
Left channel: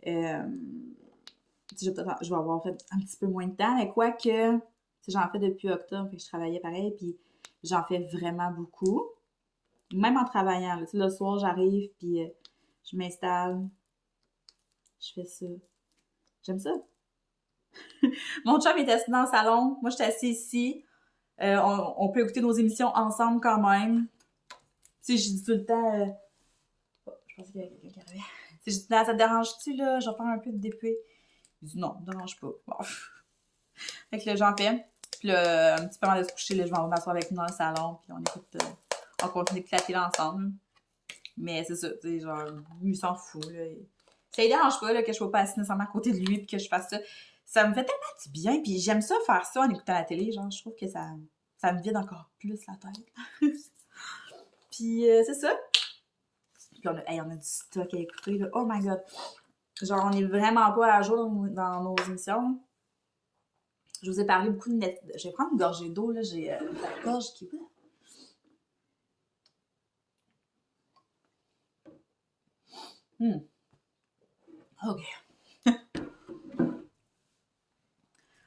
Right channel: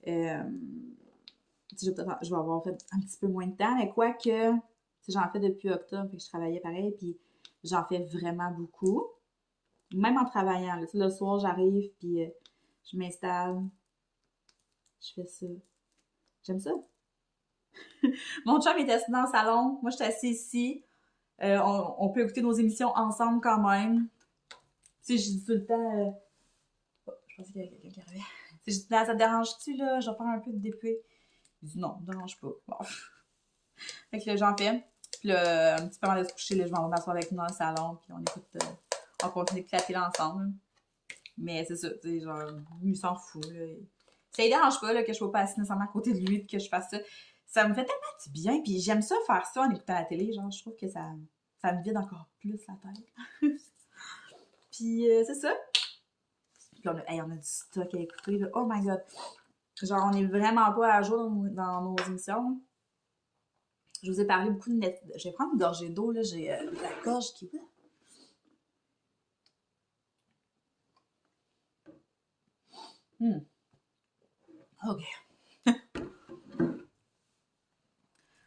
je vais avoir fait un petit peu moins de temps. Mais quoique, j'en fais depuis octobre, fait que je travaillais pareil. Puis j'en fais vraiment beaucoup. Même en travaillant. Là, le soir, j'arrive, puis je m'installe. Je fais ça. J'aime ça. Mon chum est assis dans le salon. Moi, je suis assise ici. On peut écouter nos émissions ensemble quand même. Tu sais, je dis tout le temps... Oh, je pensais qu'il y avait quelqu'un qui arrivait. Tu sais, je dis, ça te dérange-tu, là? Je vais faire un peu de DP. Il dit, non, ça me dérange pas. Bon. Fait que là, j'en fais. Puis là, un petit peu avant de se coucher, là, je vais m'asseoir avec nous dans le salon. Puis on écoute... on continue de claquer là ensemble. Mais c'est ça, tu sais, genre, lui, il s'en fout, là. Ça ne dérange pas, là, que je ne sois pas assise nécessairement à côté de lui, puis que je fasse ça. Ça me fait tellement du bien, puis j'aime ça faire ça en écoutant la télé, genre, je trouve que ça me vide encore plus la tête. Puis c'est ça. Puis on a du stock à écouter, là. Oh my god. Genre, on est vraiment pas à jour dans nos émissions. Je vous ai parlé beaucoup de Netflix. Je vais prendre une gorgée d'eau, là. J'ai la gorge qui... OK.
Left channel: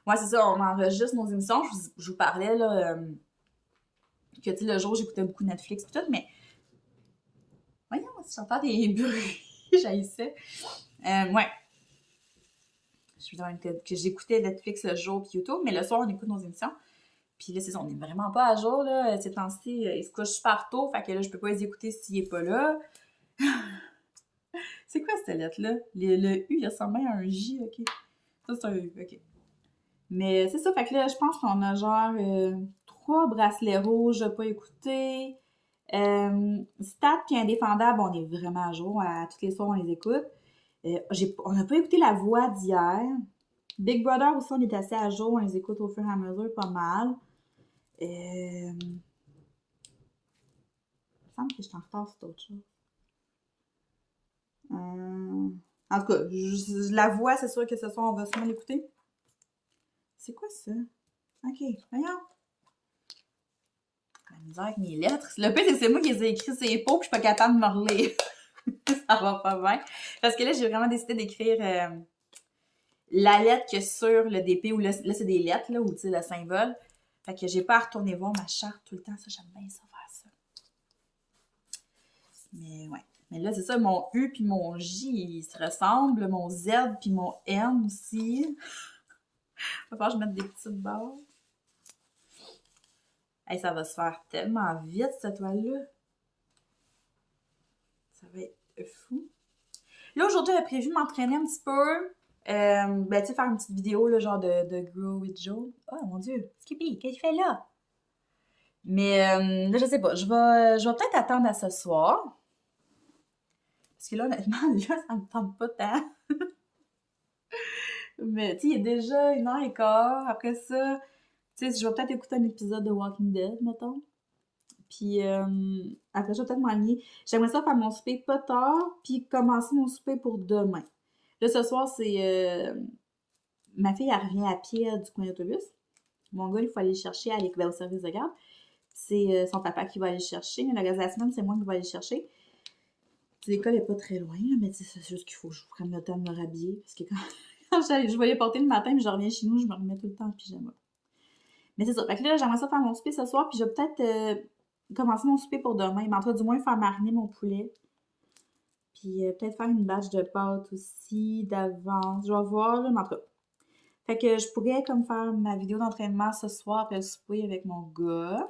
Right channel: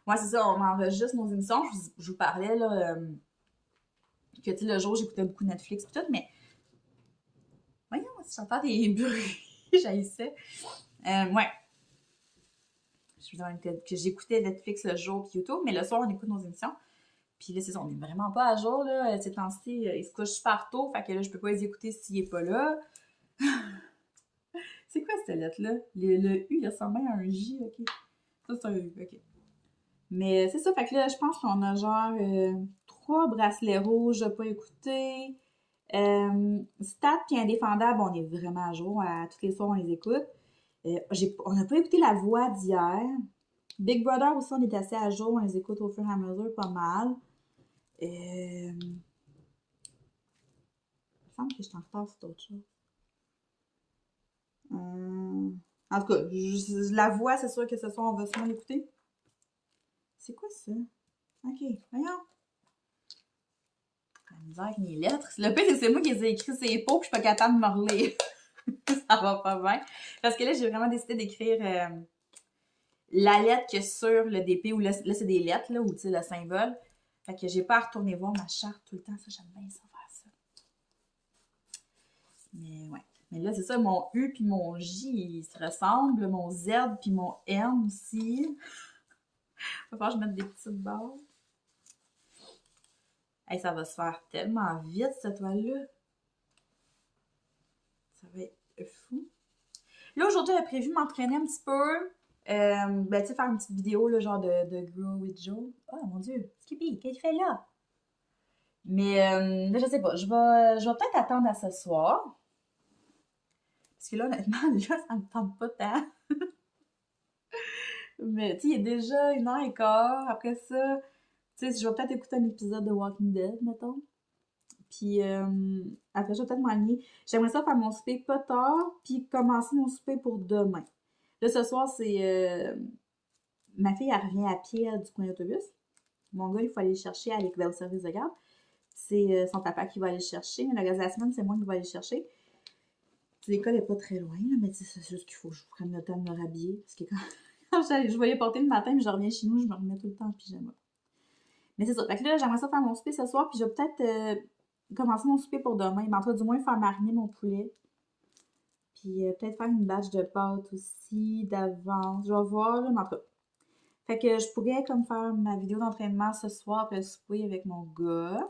Ouais, c'est ça, on enregistre nos émissions. Je vous parlais, là, que, tu sais, le jour, j'écoutais beaucoup Netflix et tout, mais... Voyons, si j'entends des bruits, j'haïssais. Ouais. Je vous disais que j'écoutais Netflix le jour puis YouTube, mais le soir, on écoute nos émissions. Puis là, c'est ça, on n'est vraiment pas à jour, là. Ces temps-ci, il se couche super tôt, fait que là, je peux pas les écouter s'il est pas là. C'est quoi cette lettre-là? Le U, il ressemble bien à un J, OK. Ça, c'est un U, OK. Mais c'est ça, fait que là, je pense qu'on a genre 3 bracelets rouges à pas écouter. Stat puis Indéfendable, on est vraiment à jour. Toutes les soirs, on les écoute. On n'a pas écouté La Voix d'hier. Big Brother aussi, on est assez à jour. On les écoute au fur et à mesure pas mal. Il me semble que je suis en retard sur d'autres choses. En tout cas, La Voix, c'est sûr que ce soir, on va sûrement l'écouter. C'est quoi ça? Ok, voyons. La misère avec mes lettres. Le pire, c'est que c'est moi qui les ai écrits sur les pots, puis je suis pas capable de me relire. Ça va pas bien. Parce que là, j'ai vraiment décidé d'écrire la lettre que sur le DP, où là c'est des lettres, là, ou tu sais, le symbole. Fait que j'ai pas à retourner voir ma charte tout le temps. Ça, j'aime bien ça faire ça. Mais ouais. Mais là, c'est ça, mon U puis mon J, ils se ressemblent. Mon Z puis mon N aussi. Va falloir que je mette des petites barres. Hey, ça va se faire tellement vite, cette toile-là. Ça va être fou. Là, aujourd'hui, j'avais prévu m'entraîner un petit peu. Ben, tu sais, faire une petite vidéo, là, genre de Grow with Joe. Oh mon Dieu, Skippy, qu'est-ce qu'il fait là? Mais là, je sais pas, je vais peut-être attendre à ce soir. Parce que là, honnêtement, là, ça me tente pas tant. Mais, tu sais, il est déjà 1h15. Après ça, tu sais, je vais peut-être écouter un épisode de Walking Dead, mettons. Puis après, je vais peut-être m'enligner. J'aimerais ça faire mon souper pas tard, puis commencer mon souper pour demain. Là, ce soir, c'est... ma fille, elle revient à pied du coin d'autobus. Mon gars, il faut aller le chercher au service de garde. C'est son papa qui va aller le chercher. Mais le reste de la semaine, c'est moi qui vais aller le chercher. L'école n'est pas très loin, là, mais c'est juste qu'il faut que je prenne le temps de me rhabiller. Parce que quand je vais les porter le matin, mais je reviens chez nous, je me remets tout le temps en pyjama. Mais c'est ça. Fait que là, j'aimerais ça faire mon souper ce soir, puis je vais peut-être commencer mon souper pour demain. Mais en tout cas, du moins, faire mariner mon poulet. Puis peut-être faire une batch de pâtes aussi d'avance. Je vais voir, là, mais en tout cas. Fait que je pourrais comme faire ma vidéo d'entraînement ce soir, puis le souper avec mon gars.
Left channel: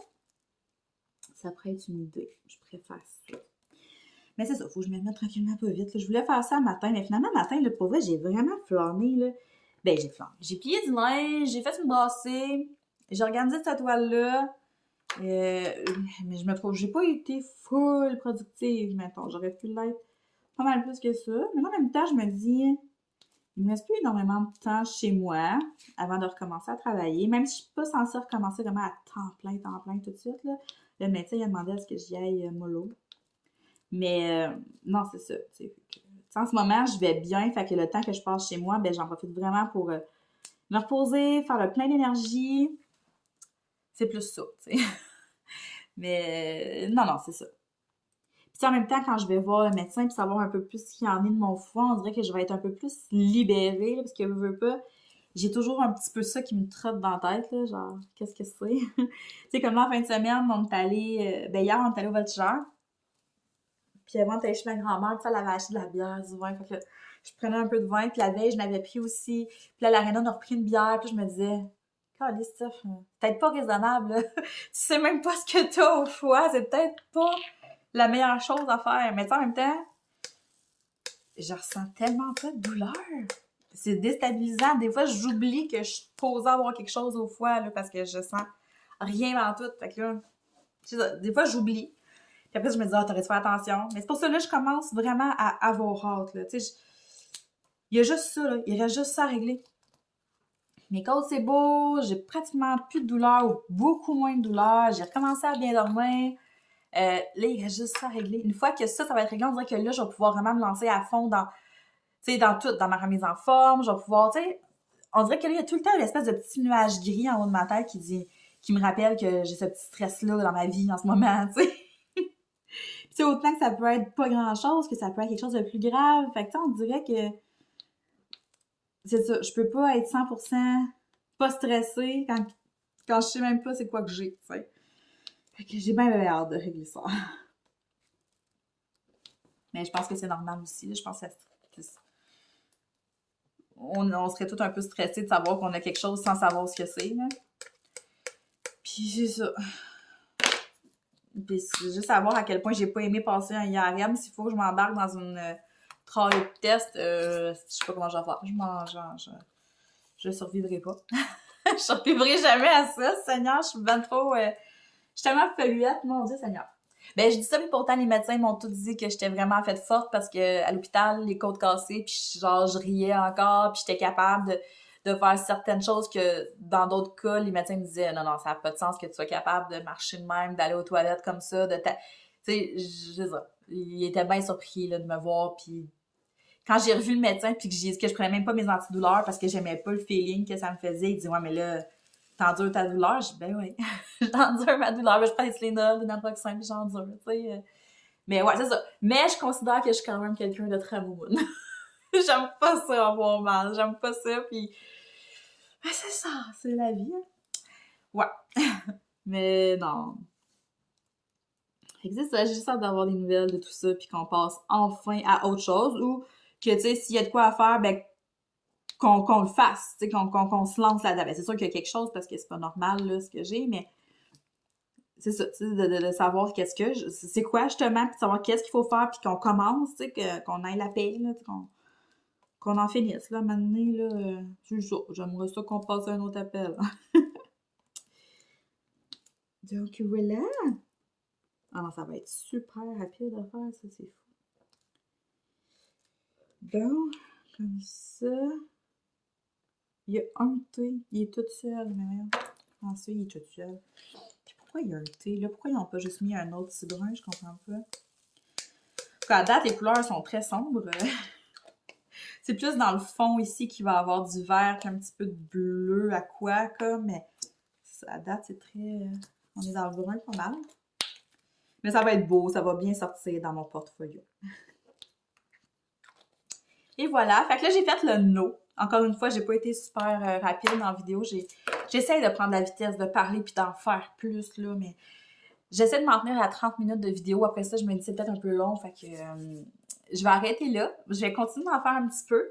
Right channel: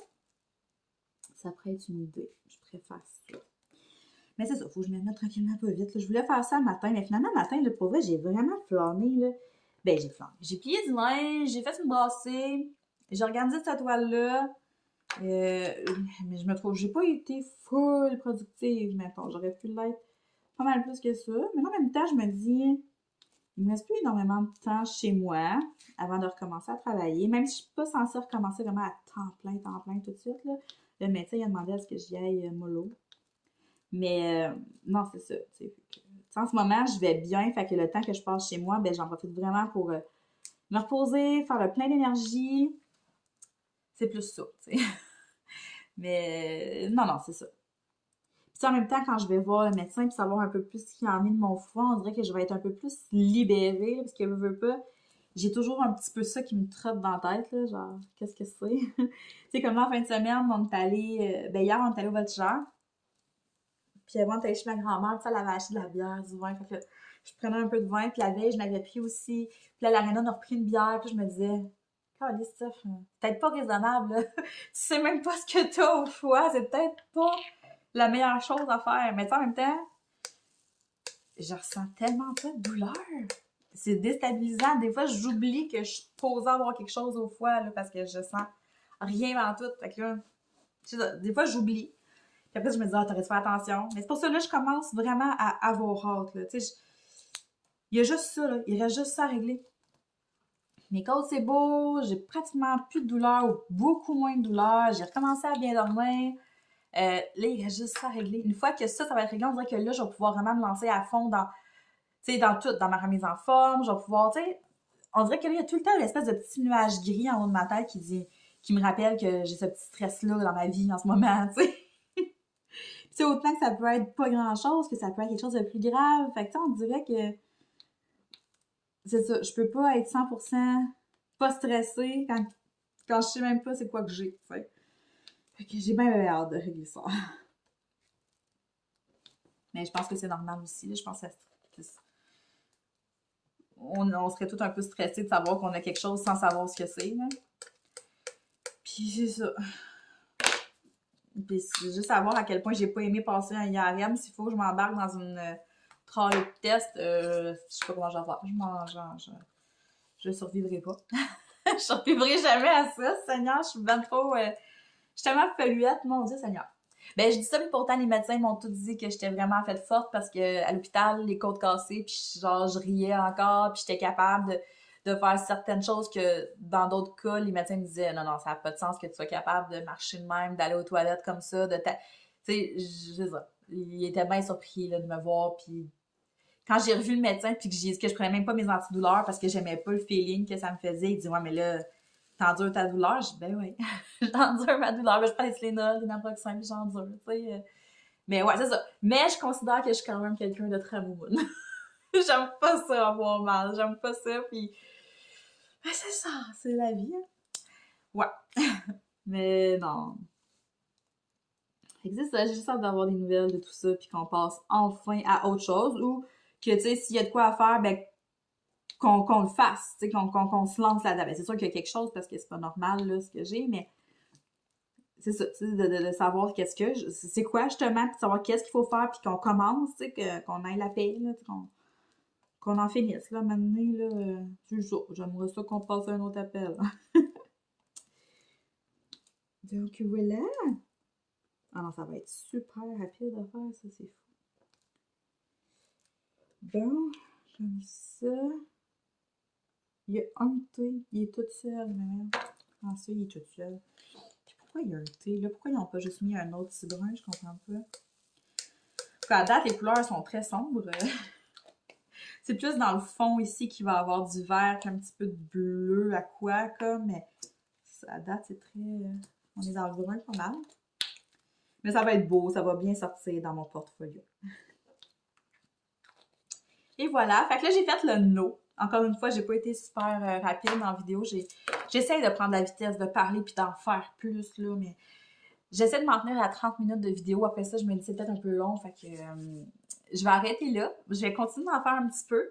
Ça pourrait être une idée. Je préfère ça. Mais c'est ça, faut que je me mette tranquillement un peu vite. Là. Je voulais faire ça le matin, mais finalement, le matin, là, pour vrai, j'ai vraiment flâné. Là. Ben, j'ai flâné. J'ai plié du linge, j'ai fait une brassée, j'ai organisé cette toile-là. Mais je me trouve, j'ai pas été full productive, mettons. J'aurais pu l'être pas mal plus que ça. Mais en même temps, je me dis, il me reste plus énormément de temps chez moi avant de recommencer à travailler. Même si je suis pas censée recommencer vraiment à temps plein tout de suite. Là. Le médecin il a demandé à ce que j'y aille mollo. Mais non, c'est ça. En ce moment, je vais bien. Fait que le temps que je passe chez moi, ben, j'en profite vraiment pour me reposer, faire le plein d'énergie. C'est plus ça, tu sais. Mais non, c'est ça. Puis en même temps, quand je vais voir le médecin puis savoir un peu plus ce qu'il y en est de mon foie, on dirait que je vais être un peu plus libérée, là, parce que je veux pas. J'ai toujours un petit peu ça qui me trotte dans la tête, là, genre, qu'est-ce que c'est? Tu sais, comme là, en fin de semaine, on est allé, ben hier, on est allé au Voltigeur. Puis avant, on était chez ma grand-mère, puis elle avait acheté de la bière, du vin. Fait que je prenais un peu de vin, puis la veille, je n'avais pris aussi. Puis là, l'Arena, on a repris une bière, puis je me disais, calisse, Steph, peut-être pas raisonnable, là. Tu sais même pas ce que t'as au foie, c'est peut-être pas la meilleure chose à faire. Mais en même temps, je ressens tellement pas de douleur. C'est déstabilisant. Des fois, j'oublie que je suis posée avoir quelque chose au foie, là, parce que je sens rien dans tout. Fait que là, des fois, j'oublie. Puis après, je me dis, t'aurais dû faire attention. Mais c'est pour ça, là, je commence vraiment à avoir hâte, là. Tu sais, il y a juste ça, là. Il reste juste ça à régler. Mes côtes, c'est beau. J'ai pratiquement plus de douleur ou beaucoup moins de douleur. J'ai recommencé à bien dormir. Là, il reste juste ça à régler. Une fois que ça va être réglé, on dirait que là, je vais pouvoir vraiment me lancer à fond dans tout, dans ma remise en forme. Je vais pouvoir, tu sais, on dirait que là, il y a tout le temps une espèce de petit nuage gris en haut de ma tête qui me rappelle que j'ai ce petit stress-là dans ma vie en ce moment, tu sais. Puis autant que ça peut être pas grand-chose, que ça peut être quelque chose de plus grave. Fait que on dirait que c'est ça, je peux pas être 100% pas stressée quand je sais même pas c'est quoi que j'ai, tu sais. Fait que j'ai bien hâte de régler ça. Mais je pense que c'est normal aussi, là. Je pense que on serait tous un peu stressés de savoir qu'on a quelque chose sans savoir ce que c'est, là. Puis c'est ça. Puis c'est juste savoir à quel point j'ai pas aimé passer un IRM. S'il faut que je m'embarque dans une trial test, je sais pas comment je vais faire. Je survivrai pas. Je survivrai jamais à ça, Seigneur. Je suis bien trop... je suis tellement polluette, mon Dieu, Seigneur. Ben, je dis ça, mais pourtant, les médecins m'ont tous dit que j'étais vraiment faite forte parce que à l'hôpital, les côtes cassées, puis genre, je riais encore, puis j'étais capable de faire certaines choses que dans d'autres cas, les médecins me disaient non, non, ça n'a pas de sens que tu sois capable de marcher de même, d'aller aux toilettes comme ça, tu sais, je sais ça. Il était bien surpris là, de me voir, puis quand j'ai revu le médecin, puis que j'ai dit que je prenais même pas mes antidouleurs parce que j'aimais pas le feeling que ça me faisait, il dit ouais, mais là, t'endures ta douleur? Je dis ben oui, j'endure ma douleur, mais je prends des Tylenol, des naproxène, puis j'endure, tu sais. Mais ouais, c'est ça. Mais je considère que je suis quand même quelqu'un de très moumoune. J'aime pas ça avoir mal, j'aime pas ça, puis ben, c'est ça, c'est la vie. Hein. Ouais. Mais non. Fait que c'est ça, j'ai juste hâte d'avoir des nouvelles de tout ça, puis qu'on passe enfin à autre chose, ou que, tu sais, s'il y a de quoi à faire, ben, qu'on le fasse, tu sais, qu'on se lance là-dedans. Ben, c'est sûr qu'il y a quelque chose, parce que c'est pas normal, là, ce que j'ai, mais c'est ça, tu sais, de savoir qu'est-ce que, c'est quoi, justement, puis de savoir qu'est-ce qu'il faut faire, puis qu'on commence, tu sais, qu'on ait la paix, là, qu'on en finisse, là, maintenant, là, c'est ça, j'aimerais ça qu'on passe à un autre appel. Donc, voilà. Ah non, ça va être super rapide à faire, ça, c'est fou. Bon, comme ça. Il y a un thé, il est tout seul, mais merde. Comment ça, il est tout seul? Puis pourquoi il y a un thé, là? Pourquoi ils n'ont pas juste mis un autre cidre? Je comprends pas. À date, les couleurs sont très sombres. C'est plus dans le fond ici qu'il va y avoir du vert, un petit peu de bleu aqua, comme, mais à date, c'est très... On est dans le brun pas mal. Mais ça va être beau, ça va bien sortir dans mon portfolio. Et voilà, fait que là, j'ai fait le no. Encore une fois, j'ai pas été super rapide dans la vidéo. J'essaie de prendre la vitesse, de parler puis d'en faire plus, là, mais j'essaie de m'en tenir à 30 minutes de vidéo. Après ça, je me dis c'est peut-être un peu long, fait que je vais arrêter là. Je vais continuer d'en faire un petit peu.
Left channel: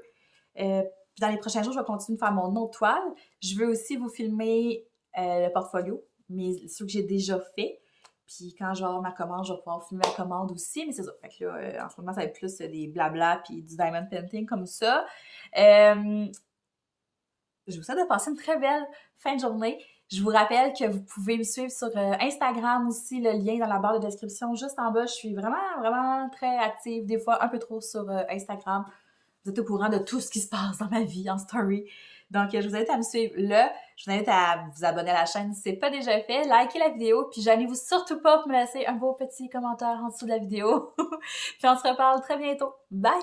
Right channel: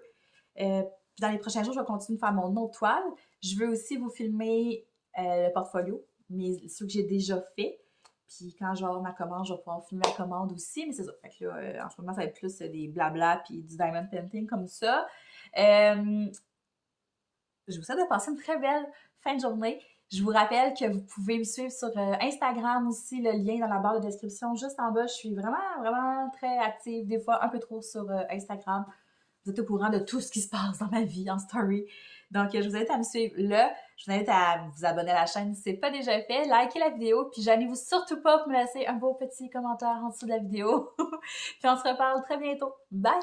Puis dans les prochains jours, je vais continuer de faire mon autre toile. Je veux aussi vous filmer le portfolio, mais ceux que j'ai déjà fait. Puis quand je vais avoir ma commande, je vais pouvoir filmer ma commande aussi. Mais c'est ça. Fait que là, en ce moment, ça va être plus des blabla puis du diamond painting comme ça. Je vous souhaite de passer une très belle fin de journée. Je vous rappelle que vous pouvez me suivre sur Instagram aussi, le lien dans la barre de description juste en bas. Je suis vraiment, vraiment très active, des fois un peu trop sur Instagram. Vous êtes au courant de tout ce qui se passe dans ma vie en story. Donc, je vous invite à me suivre là. Je vous invite à vous abonner à la chaîne si ce n'est pas déjà fait. Likez la vidéo. Puis, gênez-vous surtout pas pour me laisser un beau petit commentaire en dessous de la vidéo. Puis, on se reparle très bientôt. Bye!